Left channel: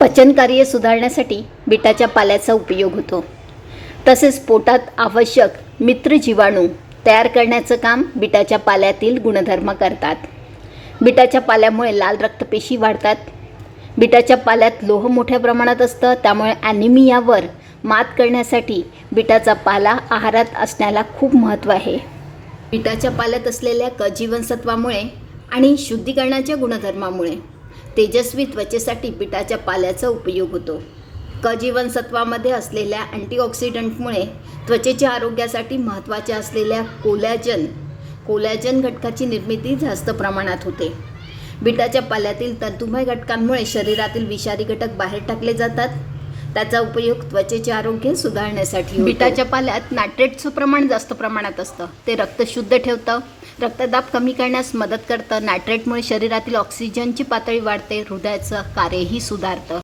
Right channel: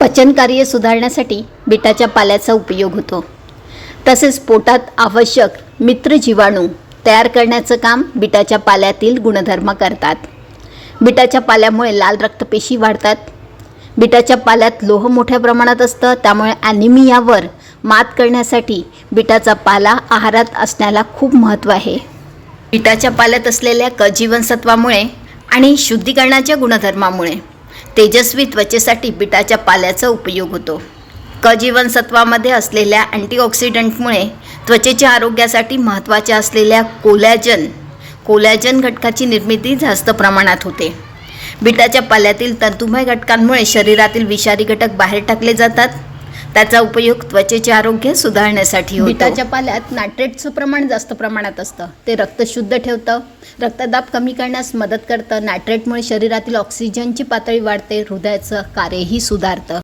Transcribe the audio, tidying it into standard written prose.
पचनकार्य सुधारण्यासाठी बीटाच्या पाल्याचा उपयोग होतो. तसेच पोटात आवश्यक मित्र जीवाणू तयार करण्याचं काम बीटाच्या पाल्यातील गुणधर्म करतात. बीटाच्या पाल्यामुळे लाल रक्तपेशी वाढतात. बीटाच्या पाल्यात लोह मोठ्या प्रमाणात असतं, त्यामुळे ॲनिमियावर मात करण्यासाठी बीटाचा पाला आहारात असण्याला खूप महत्त्व आहे. बीटाच्या पाल्यात असलेल्या क जीवनसत्वामुळे आणि शुद्धीकरणाच्या गुणधर्मामुळे तेजस्वी त्वचेसाठी बीटाच्या पाल्याचा उपयोग होतो. क जीवनसत्वामध्ये असलेल्या अँटीऑक्सिडंटमुळे त्वचेच्या आरोग्यासाठी महत्त्वाच्या असलेल्या कोलॅजन घटकाची निर्मिती जास्त प्रमाणात होते. बीटाच्या पाल्यातील तंतुमय घटकांमुळे शरीरातील विषारी घटक बाहेर टाकले जातात. त्याचा उपयोग त्वचेचे आरोग्य सुधारण्यासाठी होतो. बीटाच्या पाल्यात नायट्रेटचं प्रमाण जास्त प्रमाणात असतं. ते रक्त शुद्ध ठेवतं, रक्तदाब कमी करण्यास मदत करतं. नायट्रेटमुळे शरीरातील ऑक्सिजनची पातळी वाढते, हृदयाचं कार्यही सुधारतं.